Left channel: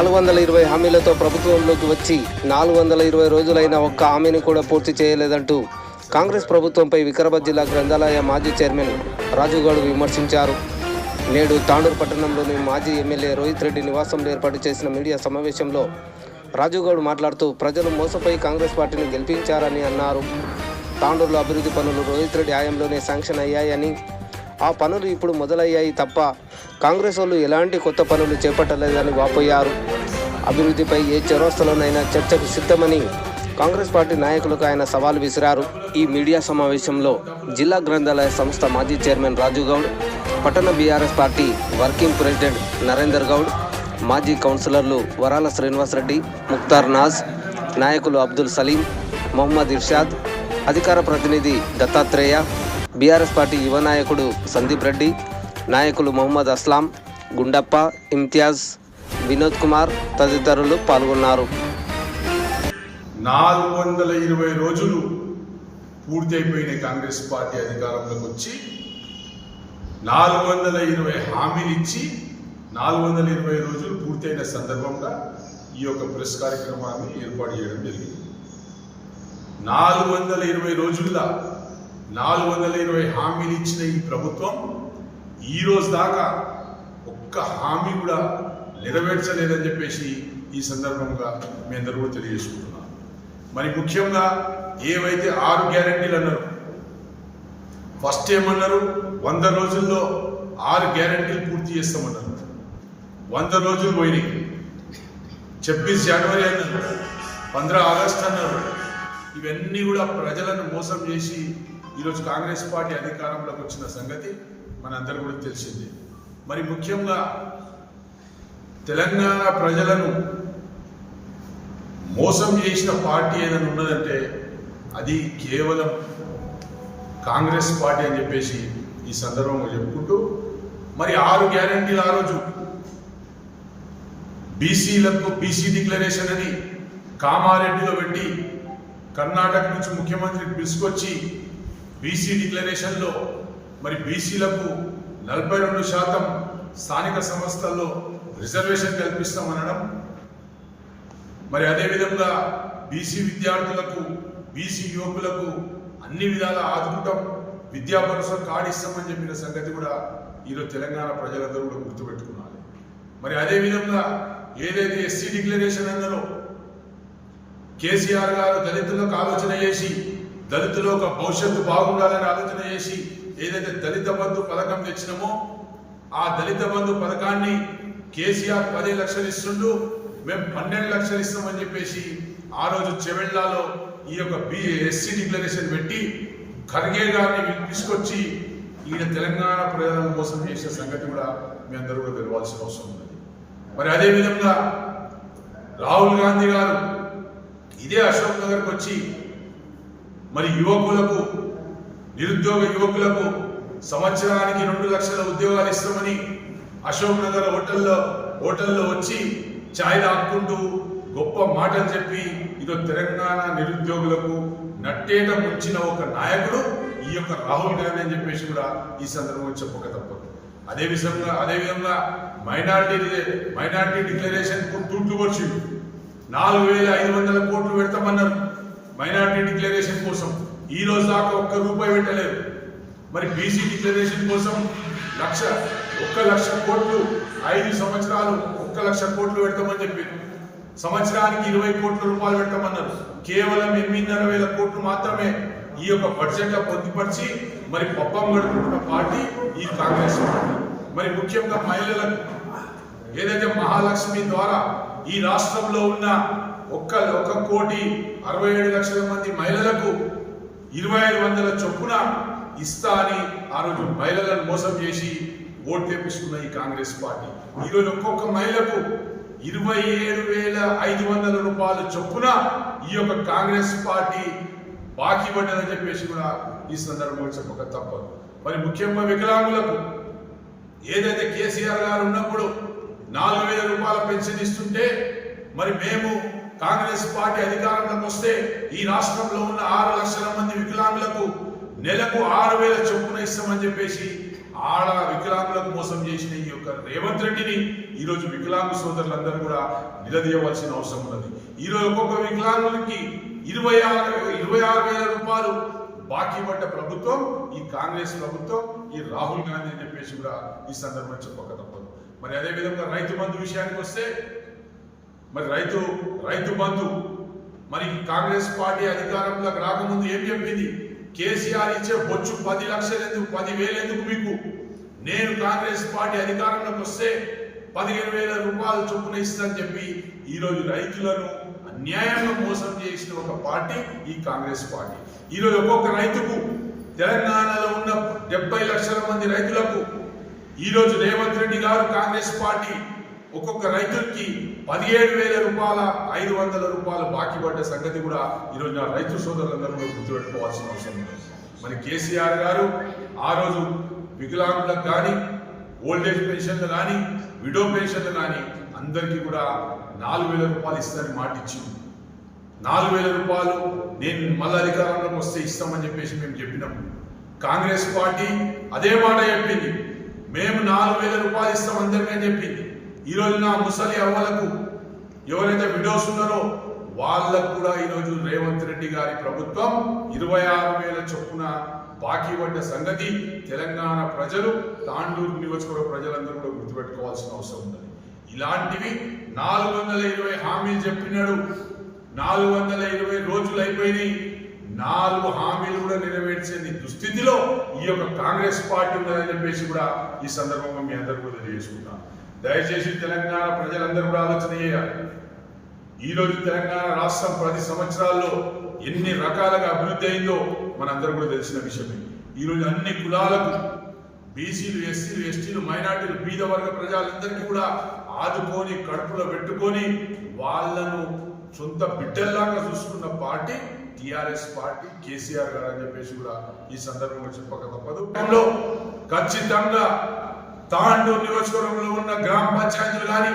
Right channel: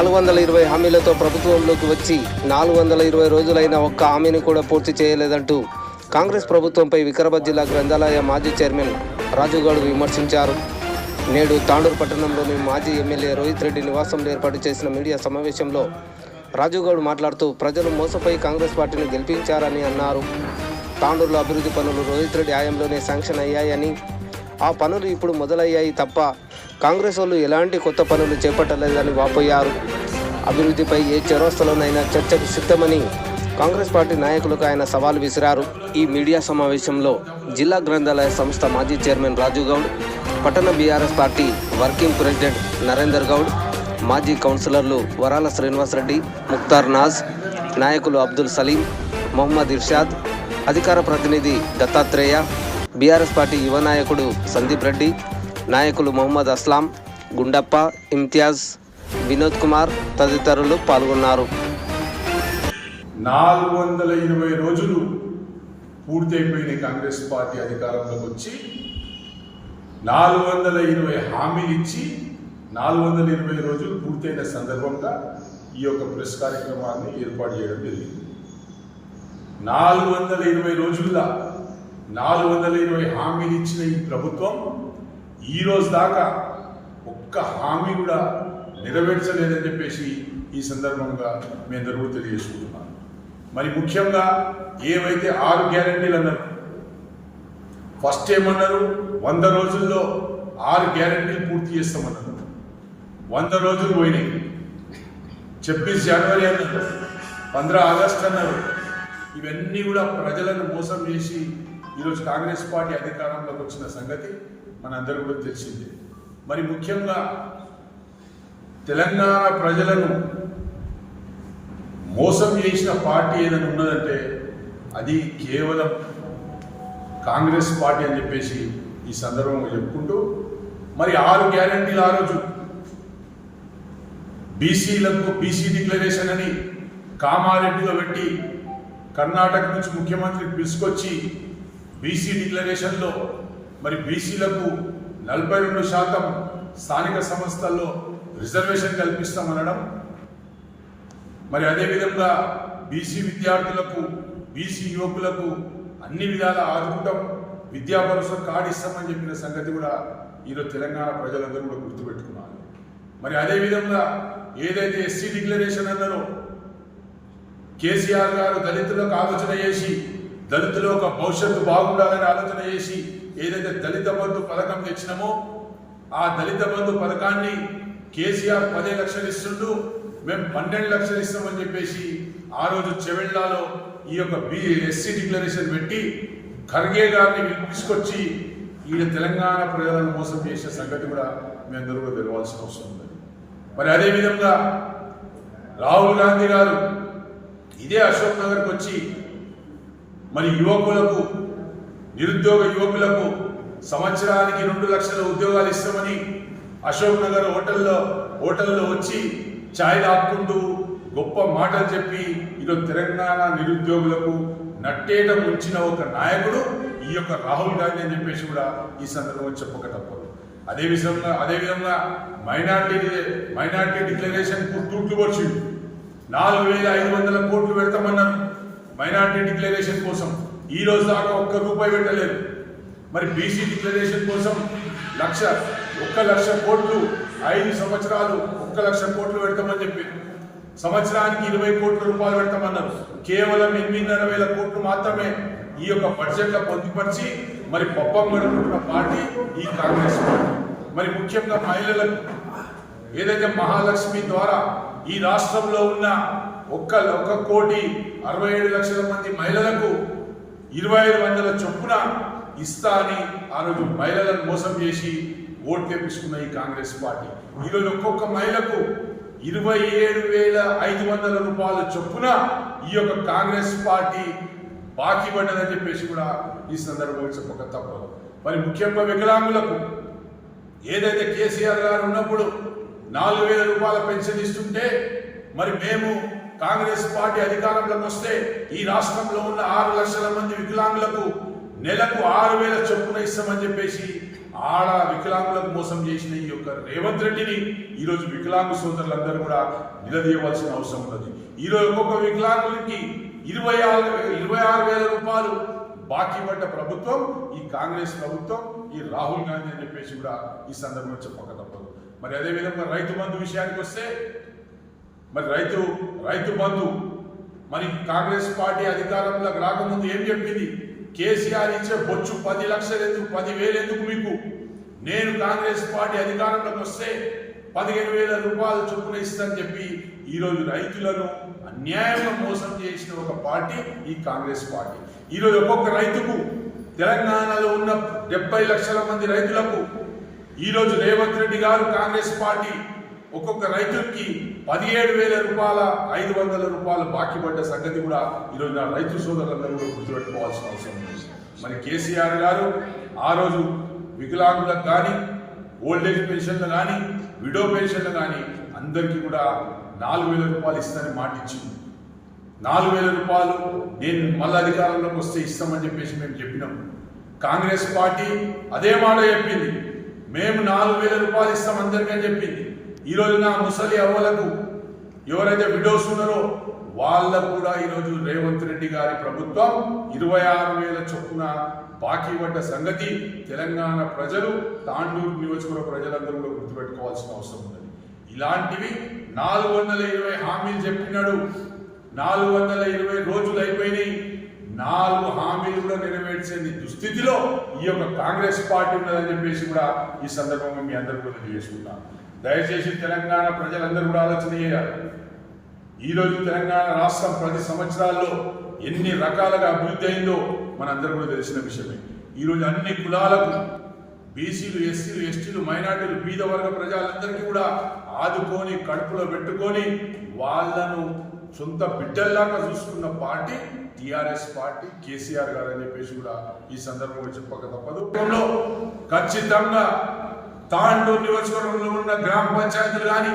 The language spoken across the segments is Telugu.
420 హామీలతో ప్రభుత్వంలోకి వచ్చి 420 రోజులైన ఒక్క హామీని కూడా పూర్తి చేయలేదంటూ కాంగ్రెస్ ప్రభుత్వంపై వికారాబాద్ జిల్లా గ్రంథాలయ మాజీ చైర్మన్ రాజుగౌడ్ విమర్శించారు. నేడు తాండూరు పట్టణంలోని మాజీ ఎమ్మెల్యే రోహిత్ రెడ్డి నివాసంలో ఏర్పాటు చేసిన మీడియా సమావేశంలో రాజుగౌడ్ మాట్లాడుతూ ప్రజలు మోసపోయి కాంగ్రెస్ పార్టీని గెలిపించారని అన్నారు. తాండూరులో అభివృద్ధి పనులు రోహిత్ రెడ్డి హయాంలోనే శాంక్షన్ అయ్యాయని, ఆ పనులు ఇప్పుడు మొదలయ్యాయి తప్ప కాంగ్రెస్ వాళ్ళు ఎలాంటి కొత్త పనులు చేపట్టలేదని వాపోయారు. అభివృద్ధిపై ఏ చౌరస్తాలోనైనా చర్చకు సిద్ధమని కాంగ్రెస్ పార్టీ నాయకులకు ఆయన సవాల్ విసిరారు. ఈ మీడియా సమావేశంలో జిల్లా గ్రంథాలయ సంస్థ మాజీ చైర్మన్ రాజుగౌడ్, పట్టణ BRS party working president Narender Goud, మాజీ కౌన్సిలర్లు వరాల శ్రీనివాసరెడ్డి, ముక్తార్ నాజ్, నాయకులు అబ్దుల్ సలీం, మొహమ్మద్ ఇర్షాద్, అధికార ప్రతినిధి దత్తాత్రేయ, బీఆర్ఎస్ పార్టీ యువ నాయకుడు సందీప్ రెడ్డి, నాయకులు మొహమ్మద్ అస్లాం, గుండప్ప, ఇమ్తియాజ్, వినోద్ కుమార్ తదితరులు పాల్గొన్నారు. 420 రోజులు పూర్తయిపోయిన కాంగ్రెస్ పార్టీ అధికారంలోకి వచ్చి 420 హామీలు ఇచ్చి 420 రోజులు పూర్తయిన సందర్భంగా ఈ యొక్క ప్రెస్ కార్యక్రమాన్ని ఏర్పాటు చేయడం జరిగింది. 420 రోజుల్లో 420 హామీలు ఇచ్చిన ఈ ప్రభుత్వం ఈ రోజు దాకా ఒక్క హామీ కూడా నెరవేర్చలేదని చెప్పేసి ఈ సందర్భంగా మీ అందరూ కూడా తెలియజేసుకుంటున్నాను. మరి ముఖ్యంగా ఏవైతే 6 గ్యారెంటీలు అన్నారు, ఫస్ట్ ఏమన్నారు, 100 రోజుల్లో 6 గ్యారెంటీలు పూర్తి చేస్తామన్నారు. 100 రోజులు పోయినాయి. 26 జనవరి అన్నారు, 15 ఆగస్టు అన్నారు. ఇవన్నీ కూడా ప్రజలను మోసం చేసి ఈరోజు కాంగ్రెస్ పార్టీ అధికారంలోకి వచ్చిన సంగతి మనందరూ కూడా తెలిసిందే. మరి ముఖ్యంగా తెలంగాణ ప్రజలను మోసం చేసిన పార్టీ ఏదైనా ఉన్నదంటే అది కేవలం కాంగ్రెస్ పార్టీ అని చెప్పేసి ఈ సందర్భంగా చెప్పుకుంటూ, మరి 6 గ్యారెంటీలు ఆ రోజు బీసీలకు బీసీ డిక్లరేషన్ అని కామారెడ్డిలో పెట్టి కర్ణాటక నుంచి ముఖ్యమంత్రికి పిలుచుకొచ్చి బీసీ డిక్లరేషన్లో మరి బీసీలకు 42% స్థానిక సంస్థల్లో రిజర్వేషన్ కల్పిస్తామనడం, మరి అదేవిధంగా బీసీ విద్యార్థులకు బీసీ యువకులకు అన్ని విధాల ఆదుకుంటాం, విద్యా భరోసా కార్డు ఇస్తామని చెప్పిన సంగతి కూడా ఈరోజు తెలంగాణ ప్రజలందరూ కూడా గుర్తుపెట్టుకున్నారు. మరి అదేవిధంగా ఏదైతే ఎస్సీ డిక్లరేషన్ అన్నారో కేసీఆర్ గారు దళితులకు ఆలోచన చేసి దళితుల ఒక భవిష్యత్తు బాగుండాలని ఆలోచన చేసి ఏదైతే దళిత బంధు పథకం తెచ్చినామో ఆ దళిత బంధు పథకాన్ని కేసీఆర్ 10 లక్షలు ఇస్తుండు, మేము 12 లక్షలు ఇస్తామని చెప్పేసి ఆ రోజు చెవెళ్లాలో ఈ యొక్క ఎస్సీ డిక్లరేషన్ పెట్టి ఖర్గే గారిని పిలుచుకొచ్చి ఈయన తెలంగాణ ప్రజలను మోసం చేసిన సంగతి కూడా మీ అందరూ కూడా తెలవాల్సిన అవసరం ఉన్నది. మరి అదేవిధంగా రాహుల్ గాంధీ గారు ఇదే అశోక్ నగర్కి వచ్చి మరి యువకులకు నిరుద్యోగ యువకులకు సంవత్సరానికి 2 లక్షల ఉద్యోగాలు ఇస్తామని అశోక్ నగర్ హోటల్లో వచ్చి ఛాయ్ తాక్కుంటూ గొప్ప మాటలు చెప్పి ఈరోజు తెలంగాణ నిరుద్యోగులకు నట్టేట ముంచిన ఒక నాయకుడు ఈ యొక్క రాహుల్ గాంధీ అని చెప్పేసి కూడా ఈ సందర్భంగా చెప్పక తప్పదు. అదేవిధంగా మైనార్టీ డిక్లరేషన్ కు తూట్లు పొడిచిండు. 4,500 కోట్లు పెడతామన్నారు మైనార్టీ డిక్లరేషన్ కోసం. ఈ రోజు దాకా ₹1 పెట్టలేరు. మరి బీసీ డిక్లరేషన్ కోసం 1 లక్ష కోట్లు 5 సంవత్సరాలు 1 లక్ష కోట్లు పెడతామని చెప్పారు. సంవత్సరానికి 20 కోట్ల రూపాయలు పెడతామన్నారు. కేవలం 8,500 కోట్లు మాత్రమే ఈ యొక్క బడ్జెట్లో పొందుపరిచి మరి పబ్బం గడుపుతున్న పార్టీ ఈ కాంగ్రెస్ పార్టీ. మరి ముఖ్యంగా మహిళలకు ఏదైతే మహాలక్ష్మి ద్వారా ఈ రాష్ట్రంలో ఉన్న 1,67,00,000 మంది మహిళలకు 2,500 చొప్పున ఇస్తా అని ఆ రోజు మహిళలను మోసం చేసి ఓటు తెప్పించుకున్న ఈ కాంగ్రెస్ పార్టీ ఈరోజు ఒక్కొక్క మహిళకు 27,500 రూపాయలు చొప్పున ఈ యొక్క కాంగ్రెస్ పార్టీ బాకీ పడ్డదని చెప్పేసి కూడా ఈ సందర్భంగా చెప్పక తప్పదు. మరి ముఖ్యంగా వికలాంగులకు ఏదైతే కేసీఆర్ గారు ఉన్నప్పుడు 4,000 రూపాయల పెన్షన్ ఇస్తుంటే మరి మేము కాంగ్రెస్ పార్టీ అధికారంలోకి వస్తే ఈ రాష్ట్రంలో ఉన్న 6 లక్షల మంది వికలాంగులకు నెలకు 6,000 చొప్పున ఇస్తామని చెప్పేసి వికలాంగులకు మోసం చేసిన ఈ యొక్క రేవంత్ రెడ్డిని ఈరోజు వికలాంగు సోదరులందరూ కూడా నిలదీయవలసిన అవసరం ఉన్నది. ఈరోజు ఒక్కొక్క వికలాంగులకి 26,000 రూపాయలు బాకీ పడ్డ ప్రభుత్వం ఈ కాంగ్రెస్ ప్రభుత్వం, ఈ రాహుల్ గాంధీ అని చెప్పేసి కూడా ఈ సందర్భంగా చెప్పక తప్పదు. మరి అదేవిధంగా రైతు బంధు విషయానికి వస్తే, మరి రైతు బంధు మరి కాంగ్రెస్ పార్టీ అధికారంలోకి రాకముందు ఏం చెప్పింది? కేసీఆర్ ఇచ్చే బొచ్చు 10 లక్షలు ఎందుకు, 10,000 ఎందుకు మీకు, నేను కాంగ్రెస్ పార్టీ అధికారంలోకి వస్తే 15,000 రూపాయలు చొప్పున ఇస్తానని చెప్పి ఈరోజు రైతులను అన్యాయంగా మోసం చేసిన ఒక పార్టీ ఈ కాంగ్రెస్ పార్టీ. ఈరోజు ఒక్కొక్క రైతుకు, తెలంగాణలో ఉన్న 70 లక్షల మంది రైతులకు ఈరోజు రేవంత్ రెడ్డి గారు కాంగ్రెస్ పార్టీ ఒక్కొక్క రైతుకి 17,000 రూపాయల 500 రూపాయలు బాకీ పడ్డ సంగతి కూడా ఈరోజు నా రైతు సోదరులందరూ కూడా గుర్తుపెట్టుకోవాల్సిన అవసరం ఉంది. మరి కేసీఆర్ గారు ఆ రోజు వికలాంగులకు కానీ, ఓల్డేజ్ పెన్షన్లు కానీ, విడో పెన్షన్లు కానీ అందరికీ కూడా 4,000 రూపాయలు ఇస్తానని మాట ఇచ్చింది. 4,000 రూపాయలు నేను మళ్ళీ అధికారంలోకి వస్తే ఇస్తామని చెప్పేసి మేము చెప్పినాం. కాంగ్రెస్ పార్టీ అదే మాట చెప్పింది, మేము 4,000 రూపాయలు ఇస్తాం అందరికీ అని చెప్పింది. ఈరోజు నా ముసలి అవ్వలకు ఎవరైతే విడోస్ ఉన్నారో వాళ్ళకు కూడా ఈరోజు రేవంత్ రెడ్డి గారి ప్రభుత్వం 26,000 చొప్పున బాకీ పడ్డ సంగతి తెలంగాణ ప్రజలు, తాండూరు నియోజకవర్గ ప్రజలందరూ కూడా గుర్తుపెట్టుకోవాల్సిన అవసరం ఉన్నది. ఇలాంటివి 420 హామీలు చెప్పినాడు, 420 రోజులు అయిపోయినాయి, 4 హామీలు కూడా నెరవేర్చని దుస్థితిలో ఈ యొక్క కాంగ్రెస్ పార్టీ ఉన్నదని చెప్పేసి కూడా ఈ సందర్భంగా మీ అందరూ కూడా తెలియజేసుకుంటాను. దయచేసి తెలంగాణ ప్రజలందరూ కూడా ఆలోచన చేయాలి. ఈరోజు తెలంగాణ రాష్ట్రం 10 సంవత్సరాల్లో ఎన్ని రకాలుగా అభివృద్ధి అయిందో మనందరూ కూడా తెలిసిన విషయమే. ఈరోజు అన్ని కులాలకు, బీసీలు, ఎస్సీలు, ఎస్టీలు, మైనార్టీలు, బీద వర్గ ప్రజలందరికీ కూడా ఆదుకొని కడుపులో పెట్టుకొని వాళ్ళను సొంత బిడ్డల్లాగా చూసుకున్న పార్టీ టిఆర్ఎస్ పార్టీ, కేసీఆర్ గారు అని చెప్పేసి కూడా ఈ సందర్భంగా చెప్పక తప్పదు. ఖచ్చితంగా తాండూరు నియోజకవర్గంలో ఉన్న గ్రామ పంచాయతీలు కానీ,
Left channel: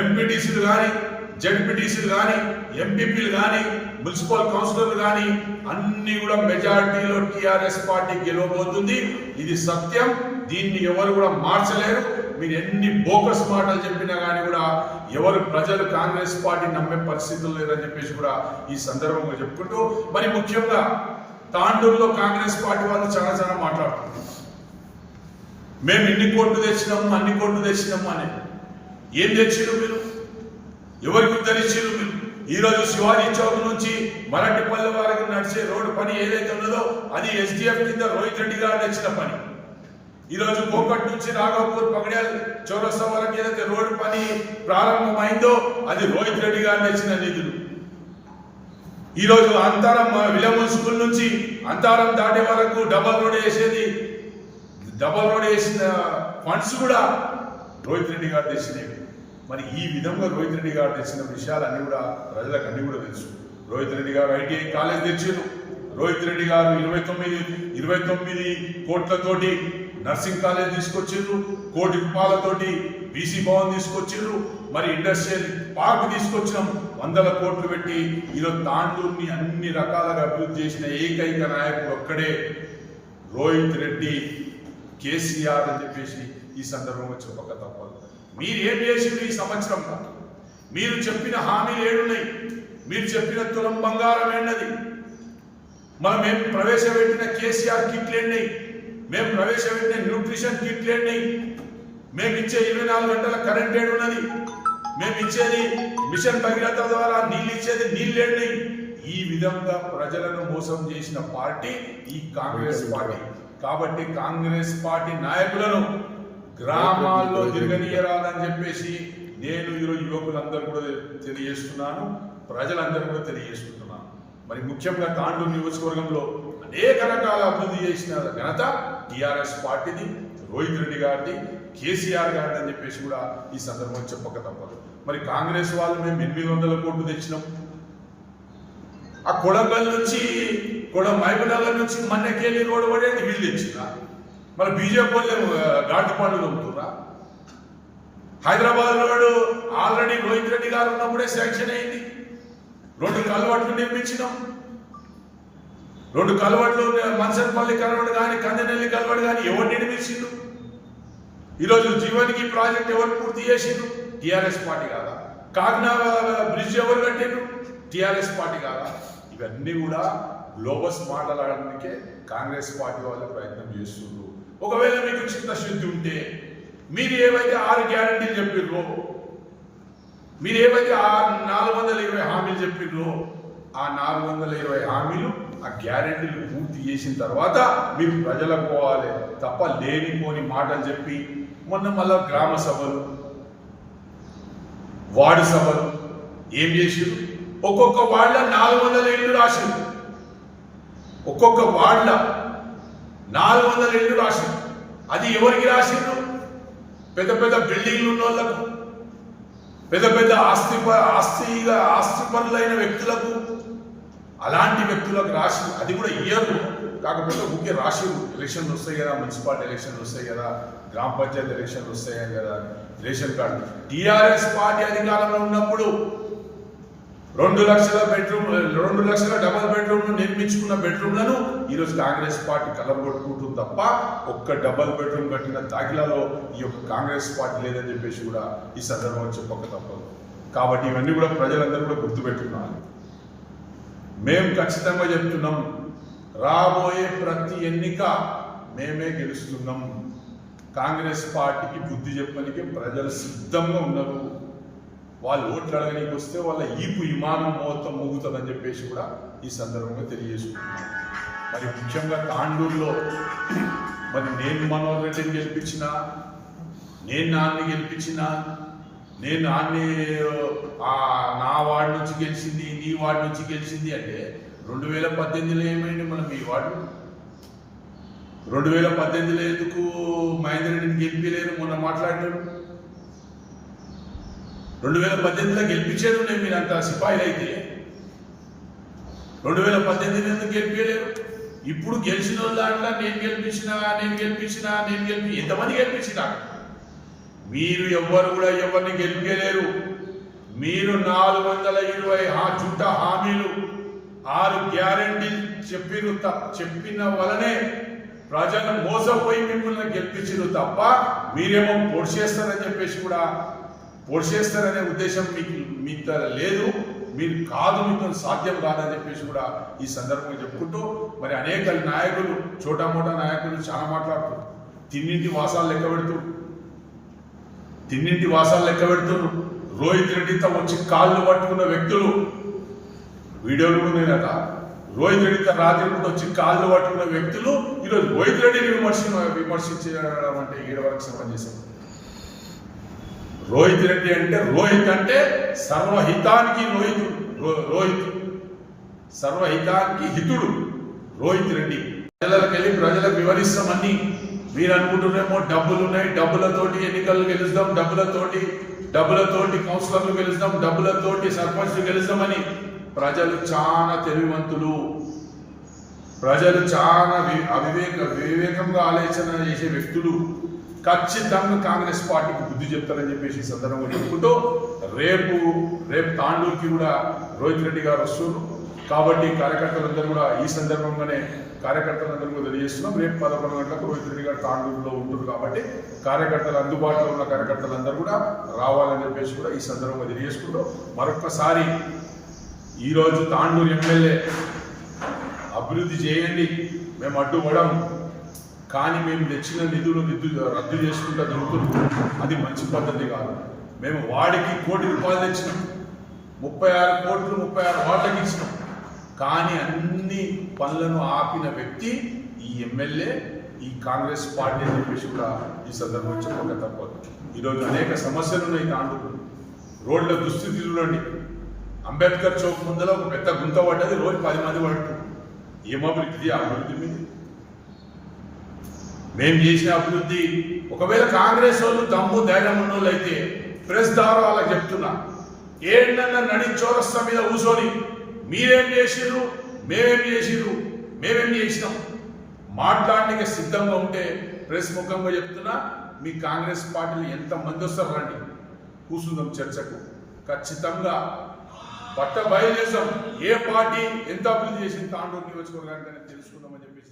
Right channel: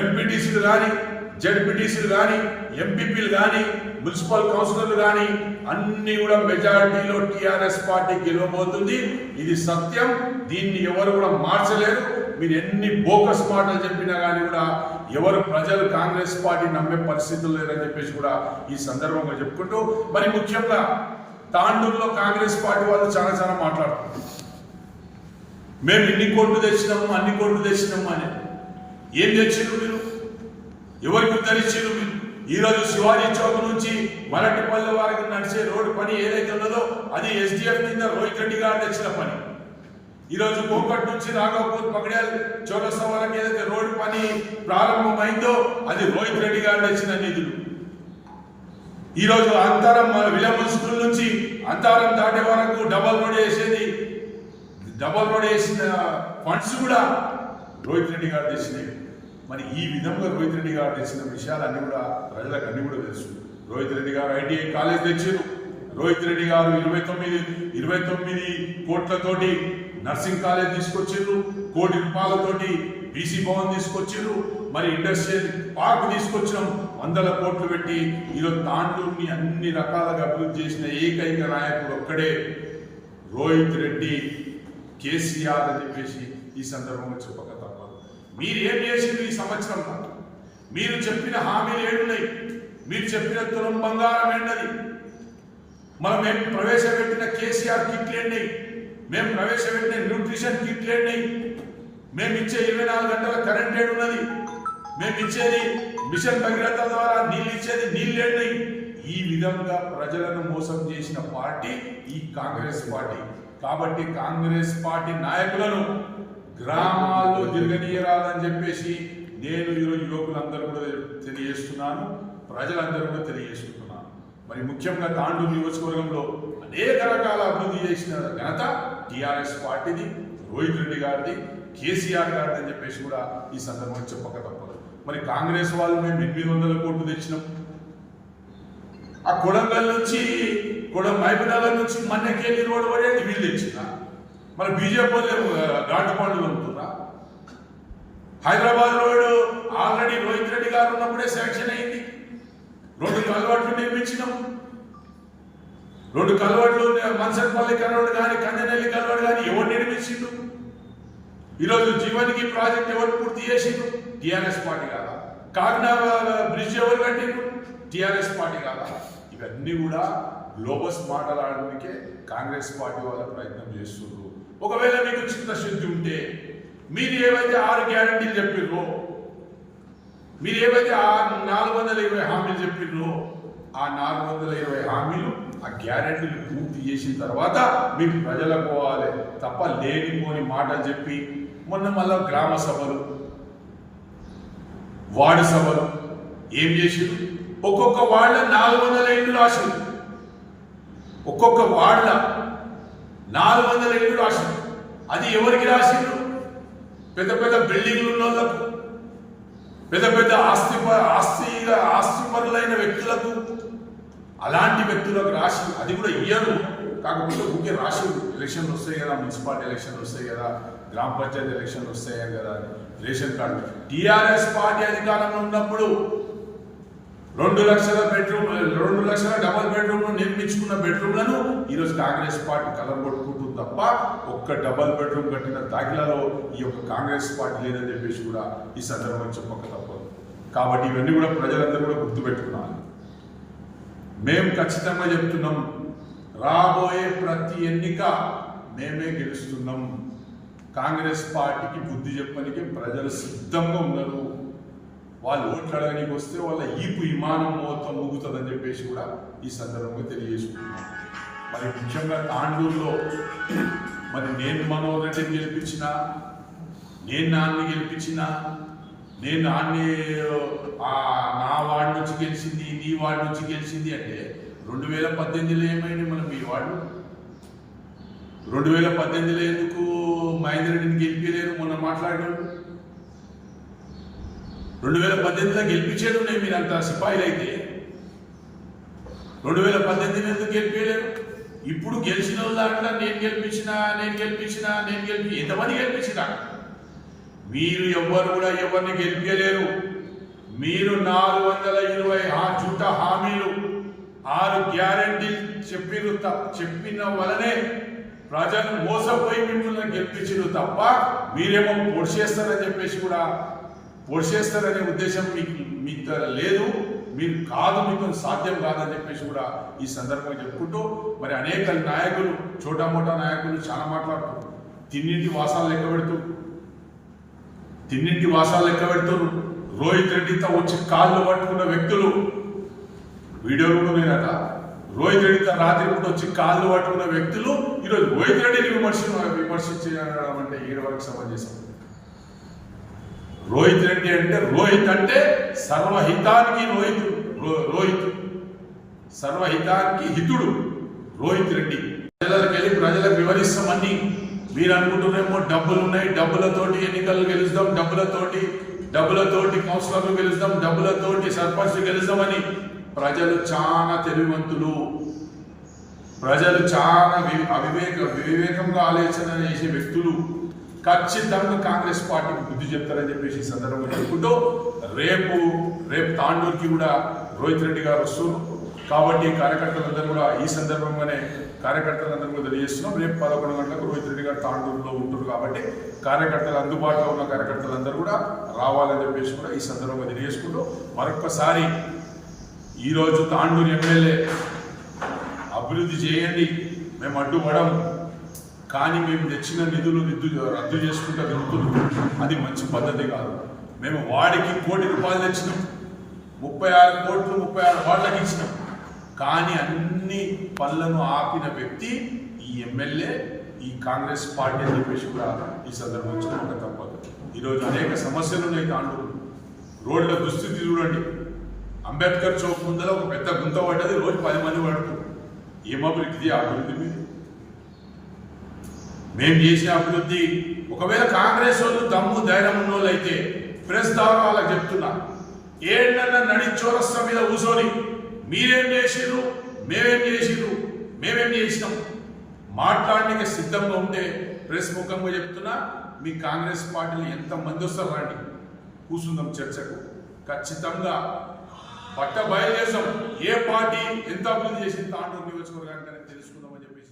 ఎంపీటీసీలు కానీ, జడ్పీటీసీలు కానీ, ఎంపీపీలు కానీ, మున్సిపల్ కౌన్సిలర్లు కానీ అన్ని కూడా మెజారిటీలో టిఆర్ఎస్ పార్టీ గెలవబోతుంది. ఇది సత్యం, దీన్ని ఎవరు కూడా మార్చలేరు. మీరు ఎన్ని బోకస్ మాటలు చెప్పినా కానీ కూడా ఎవరు ప్రజలు కాంగ్రెస్ పార్టీ నమ్మే పరిస్థితులు లేరని చెప్పేసి కూడా ఈ సందర్భంగా చెప్పుకుంటూ, మరి ముఖ్యంగా తాండూరులో కాంగ్రెస్ పార్టీ వాళ్ళు చాలా మాట్లాడుతున్నారు. మేము ఇన్ని కోట్లు తెచ్చినాము, అన్ని కోట్లు తెచ్చినాము అని. ఏం తెచ్చిరు మీరు? ఎవరికి ఉద్ధరించారు మీరు? ఈరోజు శివాజీ చౌక్ నుంచి మరటిపల్లె వారికి నడిచే రోడ్డు పని ఏదైతే ఉన్నదో అది ఎస్డిఎఫ్ కింద రోహిత్ రెడ్డి గారు తెచ్చిన పని. ఈరోజు కోకట్ నుంచి రాఘవపూర్ పగడ్యాల్ చౌరస్తా వరకు ఏదైతే రోడ్డు పని ప్రారంభమైందో అది రోహిత్ రెడ్డి గారు తెచ్చిన నిధులు. ఈరోజు అంతారం విలమూల్ స్కూల్ నుంచి అంతారం దాటే వరకు డబల్ రోడ్ వేసిన ఫండ్స్ కూడా రోహిత్ రెడ్డి గారు తెచ్చినవి. మరి ఈ విధంగా రోహిత్ రెడ్డి గారు తెచ్చిన విషయాలన్నీ కూడా ప్రజలకు అన్ని కూడా తెలుసు. రోహిత్ రెడ్డి గారు ఐటీఐ కాలేజ్ తెచ్చారు. రోహిత్ రెడ్డి గారు 29 కోట్లతోటి నర్సింగ్ కాలేజ్ తీసుకొచ్చారు. 1 కోటి రూపాయలతోటి బీసీ భవన్ తీసుకొచ్చారు. మరి ఇండస్ట్రియల్ పార్క్ తీసుకొచ్చినాం. 100 కోట్లు పెట్టి ఈరోజు తాండూరుని అన్ని రకాలుగా అభివృద్ధి చేసిన ఏకైక నాయకుడు ఒక్కడే రోహిత్ రెడ్డి, కేసీఆర్ అని చెప్పేసి ఈ సందర్భంగా చెప్పక తప్పదు. మీరు ఏం చేసిండ్రు ఈ సంవత్సరం? మీరు చెప్పిన హామీలు ఏడున్నాయి? మీరు చెప్పిన తులం బంగారం ఏంటది? మేము ప్రవేశపెట్టిన కేసీఆర్ కిట్లు ఏంటి? మేము ప్రవేశపెట్టిన న్యూట్రిషన్ కిట్లు ఏంటి? మేము ఇచ్చే 24 గంటల కరెంట్ ఏడున్నది? మేము ఇచ్చేది మిషన్ భగీరథ ద్వారా నీళ్ళు ఇచ్చేది నీళ్ళు ఏంటి? ఈ విధంగా ప్రజలను మోసం చేసిన పార్టీ ఈ కాంగ్రెస్ పార్టీ. కాబట్టి కాంగ్రెస్ పార్టీ నాయకులను గ్రామాల్లో తిరగనీయరాదని చెప్పేసి నేను ఈరోజు యువకులందరూ కూడా తెలియజేస్తున్నాను, ప్రజలందరూ కూడా తెలియజేసుకుంటున్నాను. మరి ముఖ్యంగా తాండూరు నియోజకవర్గంలో అనేక రకాల అభివృద్ధి చేసిన ఘనత టిఆర్ఎస్ పార్టీది, రోహిత్ రెడ్డి గారిది, కేసీఆర్ గారిది అని చెప్పేసి కూడా ఈ సందర్భంగా చెప్పక తప్పదు. మరి కాంగ్రెస్ వాళ్ళు మేము 800 కోట్లు తెచ్చినాం. ఆ కొడంగల్ నుంచి మహబూబ్నగర్ నుంచి మన్నెకెళ్ళి రోడ్డు పడేది వీళ్ళు తెచ్చినా. మరి బీజేపీ వాళ్ళే ఘాటు పనులు అమ్ముతున్నా. హైదరాబాద్ రోడ్డు ఆల్రెడీ రోహిత్ రెడ్డి గారు ఉన్నప్పుడే శాంక్షన్ అయింది. 2 కల్వర్ట్లు నిర్మించినాం. 2 కల్వర్ట్లు మన్సర్పల్లి కల్వర్ట్ కానీ, కందనెల్లి కల్వర్ట్ కానీ ఎవరు నిర్మించిండు? ఈరోజు జీవన్కి ప్రాజెక్ట్ ఎవరు పూర్తి చేసిండు? టిఆర్ఎస్ పార్టీ కాదా? కాకినాడ బ్రిడ్జ్ ఎవరు కట్టిండ్రు? టిఆర్ఎస్ పార్టీ కాదా? ఇవన్నీ కూడా గ్లోబస్ మాట్లాడడానికే కాంగ్రెస్ పార్టీ వాళ్ళ ప్రయత్నం చేస్తున్నారు. ఒకవేళ మీకు చిత్తశుద్ధి ఉంటే మీరు ఏవైతే 6 గ్యారంటీలు చెప్పిర్రో, మీరు ఏవైతే 420 హామీలు చెప్పిర్రో, ఆ 420 హామీలు ఆ గ్యారెంటీలు పూర్తి చేసిన తర్వాత మీరు ప్రజలకు పోవాలి తప్ప లేనిపోని మాటలు చెప్పి మొన్న మళ్ళా గ్రామ సభలు, వార్డు సభలు ఏం చేసిరు? ఒక్కొక్క వార్డుల 400 ఇళ్ళు రాసిరు. ఒక్కొక్క వార్డుల 400 ఇళ్ళు రాసిరు. అది ఎవరికి రాసిరు? పెద్ద పెద్ద బిల్డింగ్లు ఉన్న వాళ్ళకు, పెద్ద పెద్ద ఆస్తిపరులైన వ్యక్తులకు, అలాంటి వ్యక్తులకు రాసి, అది కూడా ఇయ్యరు. కాకపోతే ఊకే రాసి ఎలక్షన్లు వస్తాయి కదా, మున్సిపాలిటీ ఎలక్షన్లు వస్తాయి కదా, గ్రామ పంచాయతీ ఎలక్షన్లు వస్తాయి కదా, రేషన్ కార్డు. టీఆర్ఎస్ పార్టీ అధికారంలో ఉన్నప్పుడు 2 లక్షల డబల్ బెడ్రూమ్లు నిర్మించుకున్న బెడ్రూమ్లను ఈరోజు కాంగ్రెస్ పార్టీ కలర్ కొట్టుకుంటుంది తప్ప ఒక్క డబల్ బెడ్రూమ్ కట్టిన దాఖలాలో ఈ యొక్క కాంగ్రెస్ పార్టీ లేదని చెప్పేసి కూడా ఈ సందర్భంగా చెప్పక తప్పదు. కాబట్టి ఇవన్నీ కూడా ప్రజలందరూ కూడా గుర్తుపెట్టుకోవాలి. మేము ఖచ్చితంగా చెప్తున్నాం, రాబోయే ప్రతి ఎన్నిక మేమే గెలుస్తున్నాం. కాంగ్రెస్ పార్టీకి బుద్ధి చెప్పడానికి ప్రజలు సిద్ధంగా ఉన్నారు. వాళ్ళు ఓట్లు అడగడానికి వస్తే వాళ్ళ ఈపు విమానం మొత్తం మూగుతుందని చెప్పేసి కూడా ఈ సందర్భంగా తెలియజేసుకుంటున్నాం. మరి ముఖ్యంగా తాండూరులో మరి నేను మనోహర్ రెడ్డిని గెలిపించిన, నేను నాన్ని గెలిపించిన, నేను నాన్ని నా వార్డు నుంచి గెలిచింది, నీ వార్డు నుంచి గెలిచింది అంటే 2018లో ఏమైంది? మనం ఈ వార్డు 2018లో ఎందుకు మహేందర్ రెడ్డిని గెలిపించలేరు? మొన్న మాట్లాడినాడు 2018లో గెలిపించేది ఉండే మీరు అంత సిపాయిలు అయితే 2018 ఎందుకు గెలిపించలేరు? ఇప్పుడు గెలిచిన దాంట్లో నేను గెలిపించిన ఎంతమంది గెలిపించినా మీరు ఎవ్వరు కూడా ఎవరిని గెలిపించలేరు. మీరు 420 జూటా హామీలు 6 గ్యారెంటీలు చెప్పిన వలనే ప్రజలు మోసపోయి మిమ్మల్ని గెలిపించారు తప్ప మీరేమో పొడిచేస్తారని చెప్పేసి కూడా పొడిచేస్తారనే ఉద్దేశం మీతో లేదు. మీరు కాదు, మీతో సాధ్యం కాదని చెప్పేసి కూడా ఈ సందర్భంగా చెప్పుకుంటూ మరి అనేక నాయకులు, చోటా మోటా నాయకులు చాలా మాట్లాడుతారు. తిన్నింటి వాసాలు లెక్క పెడుతున్నారు. రోహిత్ రెడ్డితో వచ్చి కాళ్ళు పట్టుకున్న వ్యక్తులు వీడియోలు కూడా ఉన్నాయట. రోహిత్ రెడ్డితో రాత్రి పూట వచ్చి కాళ్ళు పట్టుకున్న వ్యక్తులు ఈరోజు రోహిత్ రెడ్డిని విమర్శించడం అంటే ఏడు వరకు సమంజసం. రోహిత్ రెడ్డి అంటే రోహిత్ అంటే సర్వహితానికి సర్వహితానికి హితుడు రోహిత్ రెడ్డి. ప్రజలకు వివరిస్తామని మీరు అనుకుంటున్నారేమో, డబ్బులు ఉన్నాయి, డబ్బులతోటి ఎన్నికలు గెలుస్తాం, డబ్బులతోటి కౌన్సిలర్లు గెలుస్తాం, డబ్బులతోటి సర్పంచ్లు గెలుస్తామని. ప్రజలు చాలా తెలివివంతులు, ప్రజలు చాలా వివేకంగా ఆలోచన చేసే వ్యక్తులు. ఖచ్చితంగా కాంగ్రెస్ పార్టీకి బుద్ధి చెప్తారని చెప్పేసి ఈ సందర్భంగా చెప్పుకుంటూ రేపు తాండూరుకి కూడా రోహిత్ రెడ్డి గారు వస్తున్నారు. కాబట్టి కార్యకర్తలందరూ కూడా ఈ సందర్భంగానే కార్యకర్తలందరూ కూడా తెలియజేస్తున్నాం. రేపు 11 గంటలకు రోహిత్ రెడ్డి గారు తాండూరులో ఉంటారు. కాబట్టి కార్యకర్తలు, అందుబాటులో ఉన్న కార్యకర్తలందరూ కూడా రావాలని చెప్పేసి కూడా ఈ సందర్భంగా తెలియజేసుకుంటూ మరొకసారి ఈరోజు తాండూరు ఎమ్మెల్యే అభివృద్ధి చేయండి, మేము అడ్డుపడం, కానీ మేము తెచ్చిన నిధులు రద్దు చేసుకుంటూ తిరుగుతున్నాం. అది మంచి పద్ధతి కాదు. మేము వాడికి ₹1 కోటి తెచ్చినాం, 36 కోట్లు 36 వార్డులకు ఇచ్చినాం. కానీ అన్ని పనులను ఆపిన వ్యక్తి ఈ ఎమ్మెల్యే, ఈ కాంగ్రెస్ పార్టీ అని చెప్పేసి కూడా ఈ సందర్భంగా చెప్పక తప్పదు. ఈరోజు అనేక సమస్యలు ఉన్నాయి తాండూరు. రోడ్ల దుస్థితి చూడండి. అంబేద్కర్ చౌక్ ముందర ఒక పెద్ద గుంత పడ్డది, రోజు 10 మంది పడుతుంది. ఏం అభివృద్ధి? అభివృద్ధి మీద మేము చేసిన అభివృద్ధి. ఒకవేళ కాంగ్రెస్ వాళ్ళు దమ్ము ధైర్యం ఉన్న వాళ్ళు అయితే ప్రెస్ ద్వారా వాళ్ళకి చెప్తున్నా, ఏడన్నా నడి చౌరస్తా మీద కూర్చొని మీరేం చేసిర్రు, మేమేం చేసినాం మాట్లాడడానికి సిద్ధంగా ఉంటే ప్రెస్ ముఖంగా చెప్తున్నా, మీ కాంగ్రెస్ పార్టీలు ఎంతమంది వస్తారు రండి, కూర్చుందాం చర్చకు. ఖచ్చితంగా బయలుదేశాం ఏ పార్టీ ఎంత అభివృద్ధి చేసింది తాండూరు నియోజకవర్గానికి తెలుసుకుందామని చెప్పేసి